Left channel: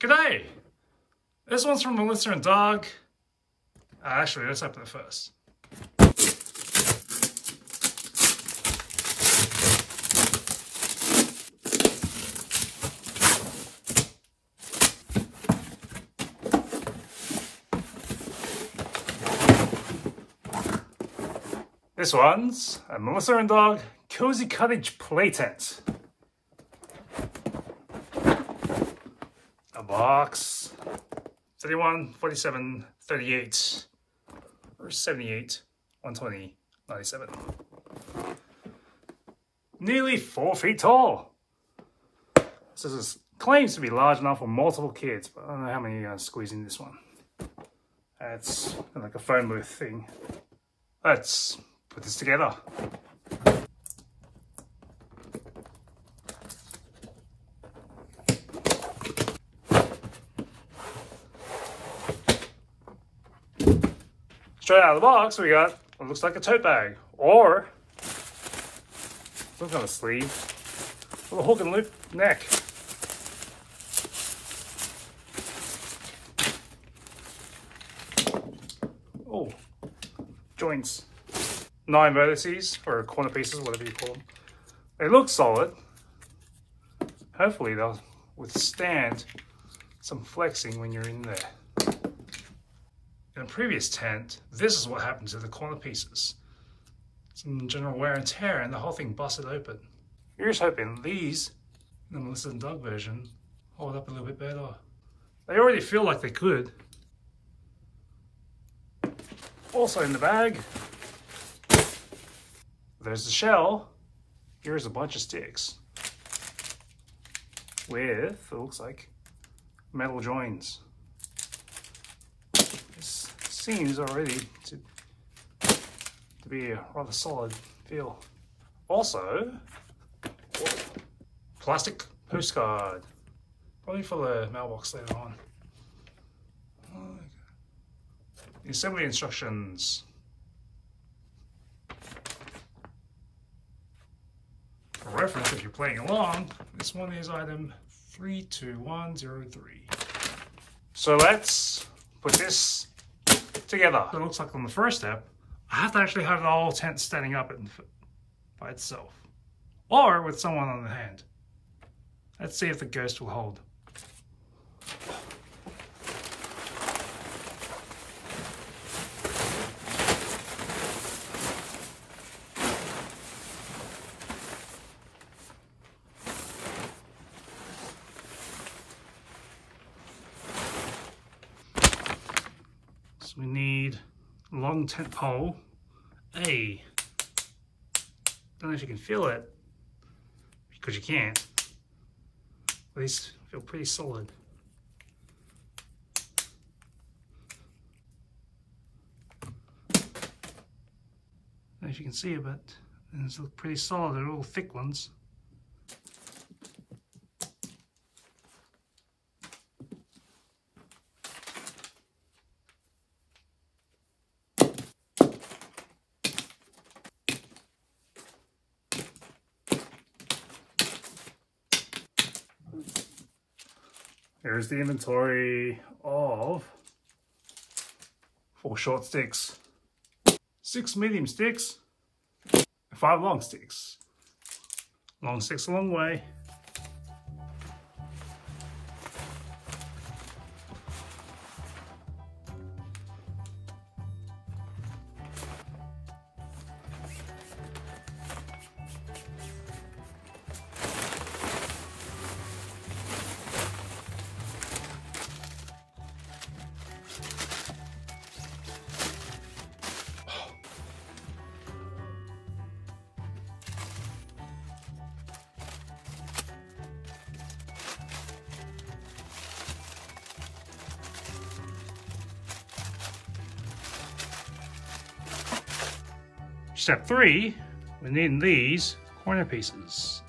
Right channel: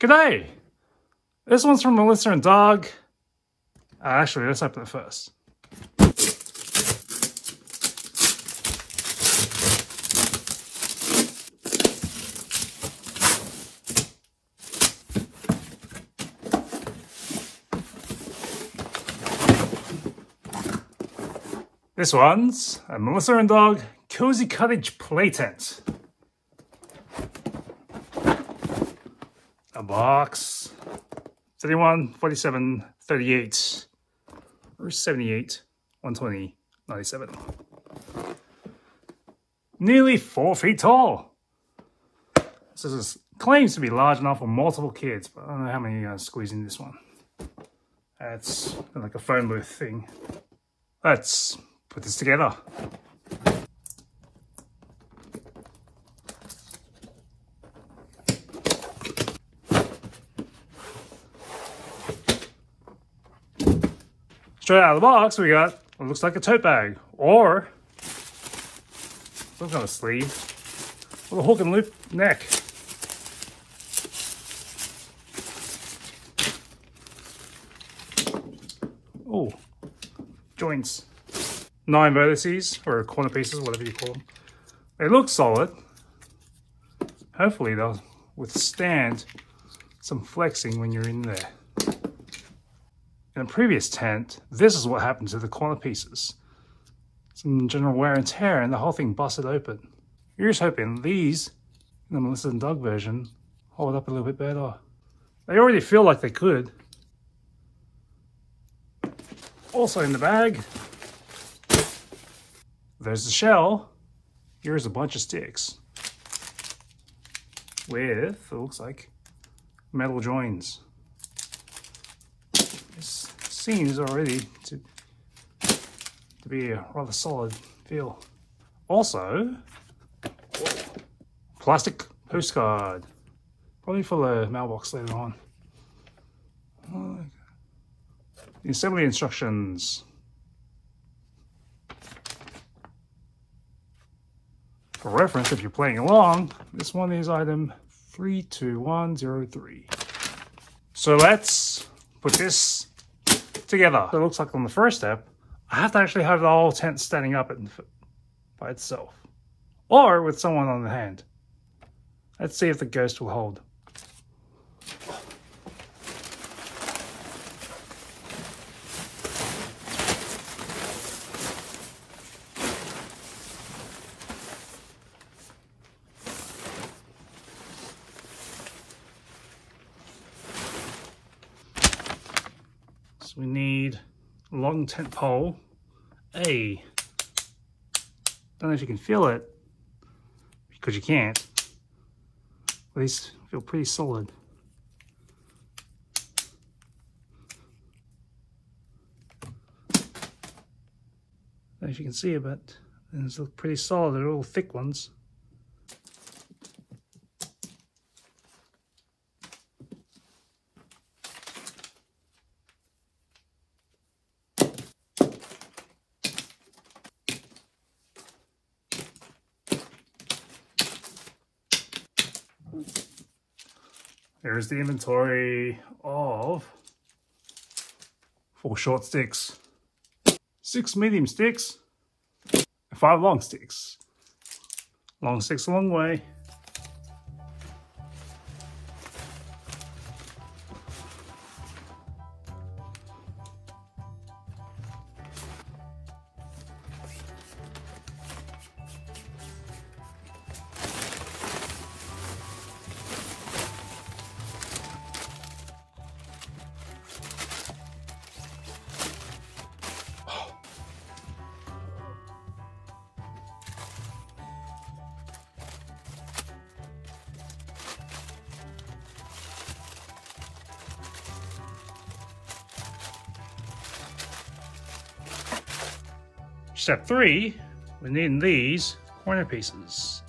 G'day! This one's from Melissa and Doug. Actually, let's open it first. This one's a Melissa and Doug Cozy Cottage playtent. A box, 31, 47, 38, or 78, 120, 97. Nearly 4 feet tall. This claims to be large enough for multiple kids, but I don't know how many are going to squeeze in this one. That's like a phone booth thing. Let's put this together. Straight out of the box, we got what looks like a tote bag, or some kind of sleeve, a little hook and loop neck. Oh, joints. 9 vertices, or corner pieces, whatever you call them. They look solid. Hopefully they'll withstand some flexing when you're in there. In a previous tent, this is what happened to the corner pieces. Some general wear and tear and the whole thing busted open. Here's hoping these, the Melissa and Doug version, hold up a little bit better. They already feel like they could. Also in the bag, there's the shell. Here's a bunch of sticks with, it looks like, metal joins. This seems already to be a rather solid feel. Also, plastic postcard, probably for the mailbox later on. The assembly instructions. For reference, if you're playing along, this one is item 32103. So let's put this together. So it looks like on the first step, I have to actually have the whole tent standing up by itself, or with someone on the hand. Let's see if the ghost will hold. So we need a long tent pole. Don't know if you can feel it, because you can't. These feel pretty solid. Don't know if you can see it, but these look pretty solid. They're all thick ones. There's the inventory of 4 short sticks, 6 medium sticks, and 5 long sticks. Long sticks a long way. Step 3, we're needing these corner pieces.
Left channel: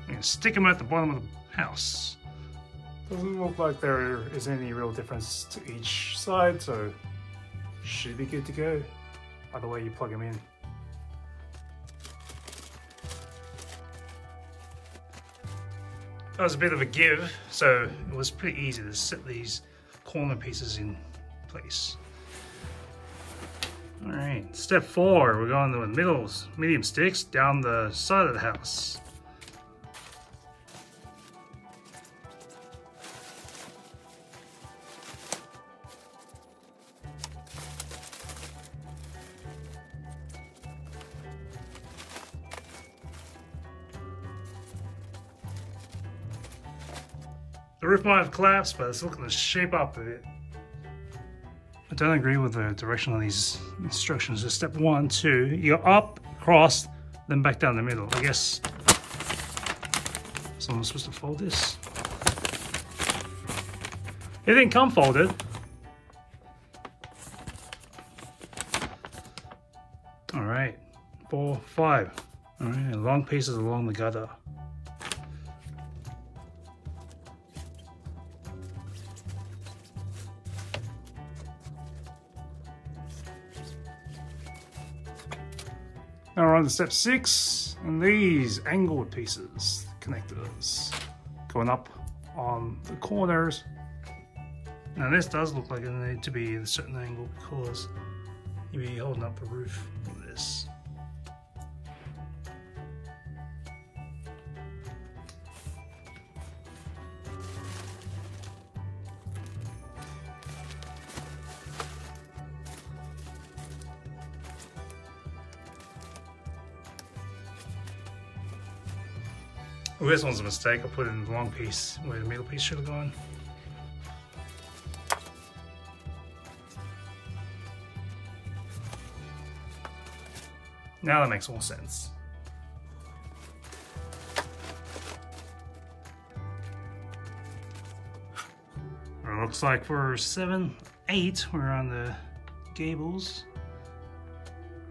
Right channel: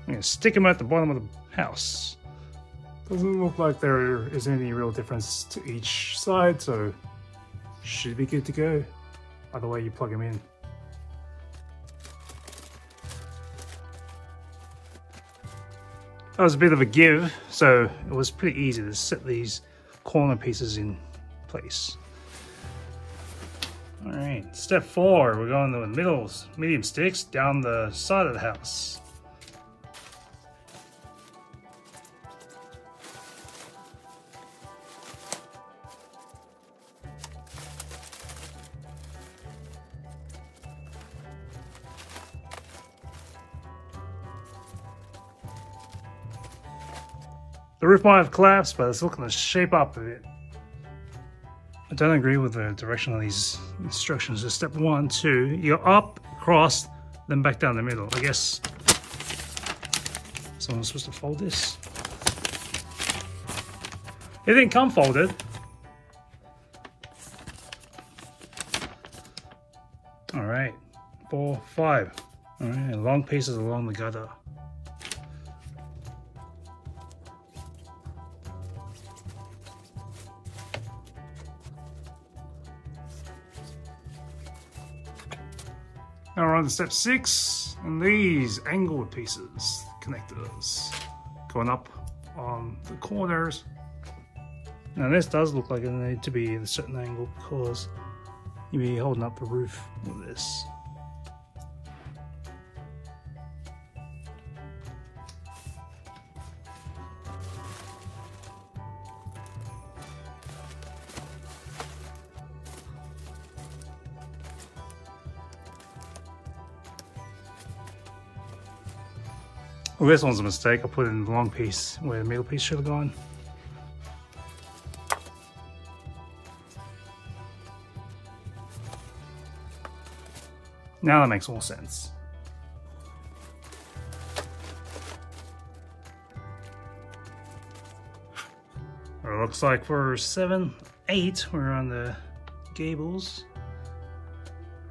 I'm going to stick them at the bottom of the house. Doesn't look like there is any real difference to each side, so should be good to go. Either way you plug them in. That was a bit of a give, so it was pretty easy to set these corner pieces in place. All right, step 4, we're going to the medium sticks down the side of the house. The roof might have collapsed, but it's looking to shape up a bit. I don't agree with the direction of these instructions. So step 1, 2, you go up, across, then back down the middle. I guess someone's supposed to fold this. It didn't come folded. All right, 4, 5. All right, long pieces along the gutter. Now we're on to step 6, and these angled pieces, connectors, going up on the corners. Now this does look like it needs to be at a certain angle because you'll be holding up the roof with this. Well, this one's a mistake. I put it in the long piece where the middle piece should have gone. Now that makes more sense. It looks like for 7, 8, we're on the gables.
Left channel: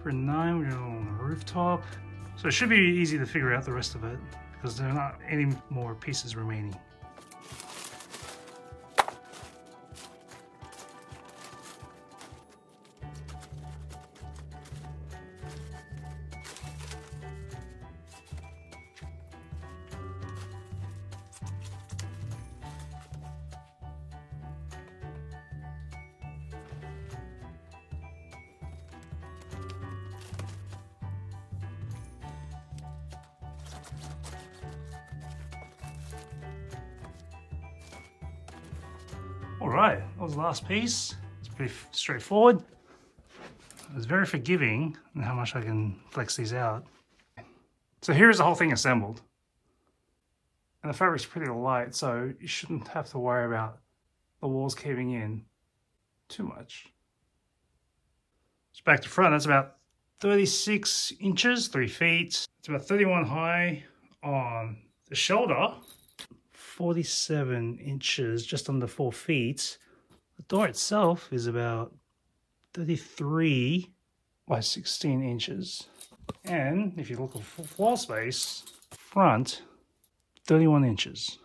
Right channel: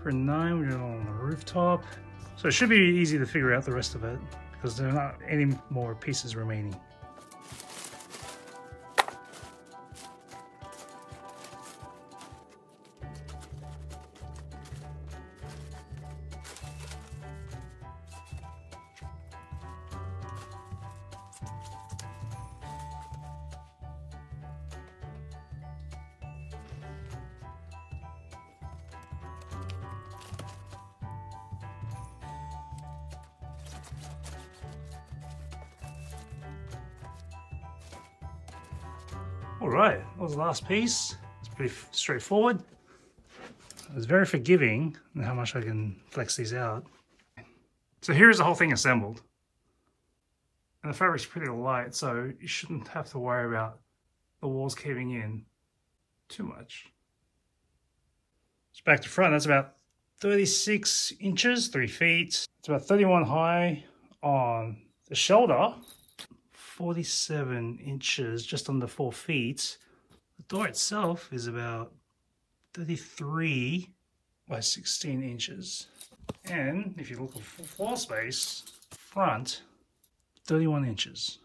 For 9, we're on the rooftop. So it should be easy to figure out the rest of it, because there are not any more pieces remaining. All right, that was the last piece. It's pretty straightforward. It's very forgiving in how much I can flex these out. So here's the whole thing assembled. And the fabric's pretty light, so you shouldn't have to worry about the walls caving in too much. So back to front, that's about 36 inches, 3 feet. It's about 31 high on the shoulder. 47 inches, just under 4 feet. The door itself is about 33 by 16 inches. And if you look at floor space, front, 31 inches.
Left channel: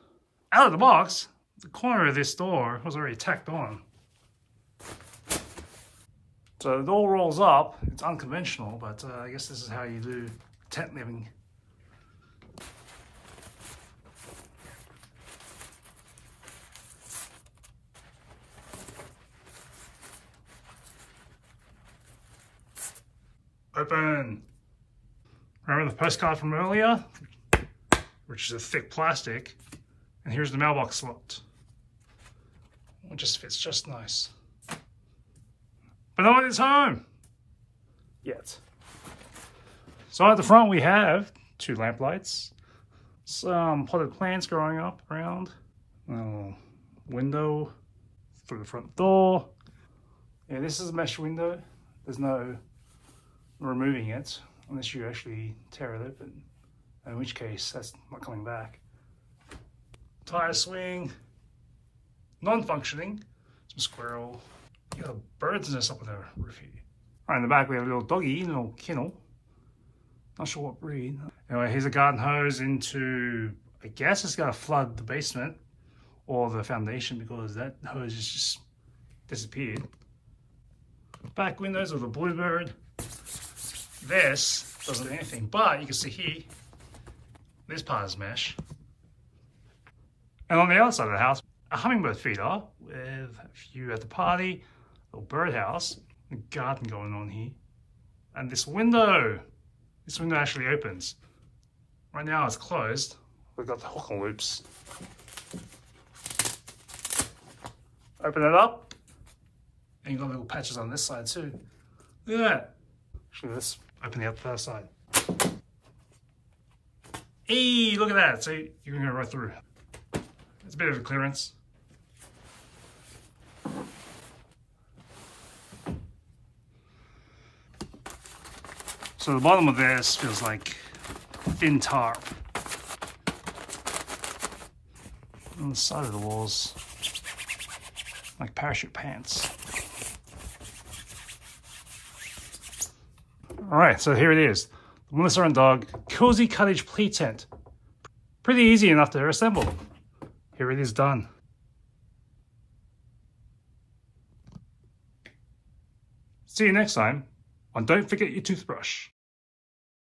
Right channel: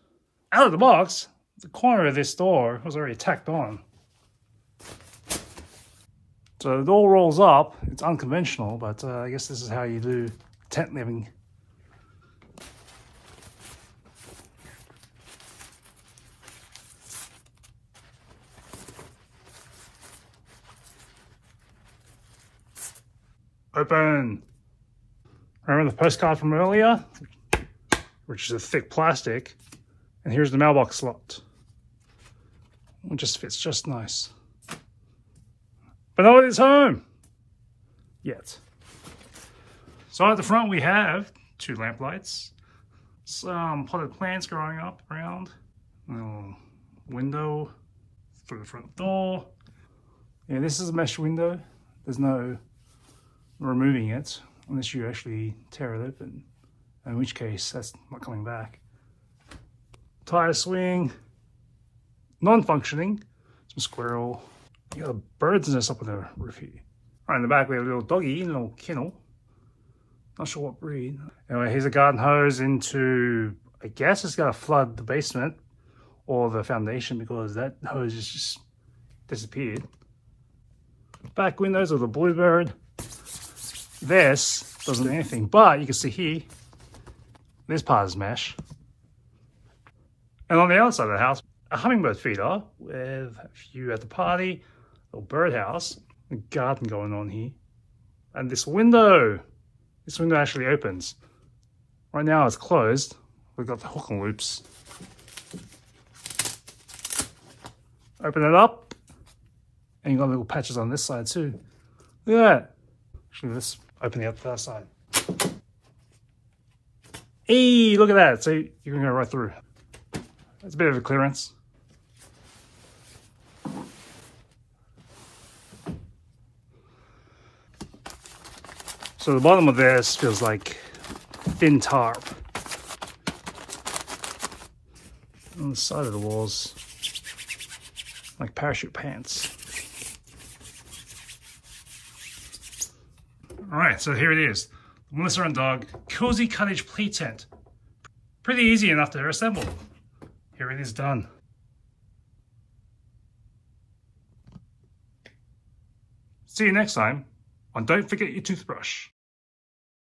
Out of the box, the corner of this door was already tacked on. So the door rolls up. It's unconventional, but I guess this is how you do tent living. Open. Remember the postcard from earlier, which is a thick plastic, and here's the mailbox slot. It just fits just nice. But nobody's home yet. So at the front we have 2 lamp lights, some potted plants growing up around, a window through the front door. Yeah, this is a mesh window. There's no removing it unless you actually tear it open, in which case that's not coming back. Tire swing, non-functioning, some squirrel. You got a bird's nest up on the roof here. Right in the back we have a little doggy in a little kennel. Not sure what breed. Anyway, here's a garden hose into, I guess it's gonna flood the basement or the foundation because that hose just disappeared. Back windows of the bluebird. This doesn't do anything, but you can see here, this part is mesh. And on the outside of the house, a hummingbird feeder with a view at the party, a little birdhouse, a garden going on here. And this window actually opens. Right now it's closed. We've got the hook and loops. Open it up. And you've got little patches on this side too. Look at that. Actually, let's open the other side. Hey, look at that. So you can go right through. That's a bit of a clearance. So the bottom of this feels like thin tarp. On the side of the walls, like parachute pants. All right, so here it is. The Melissa and Dog Cozy Cottage Play Tent. Pretty easy enough to assemble. Here it is done. See you next time on Don't Forget Your Toothbrush.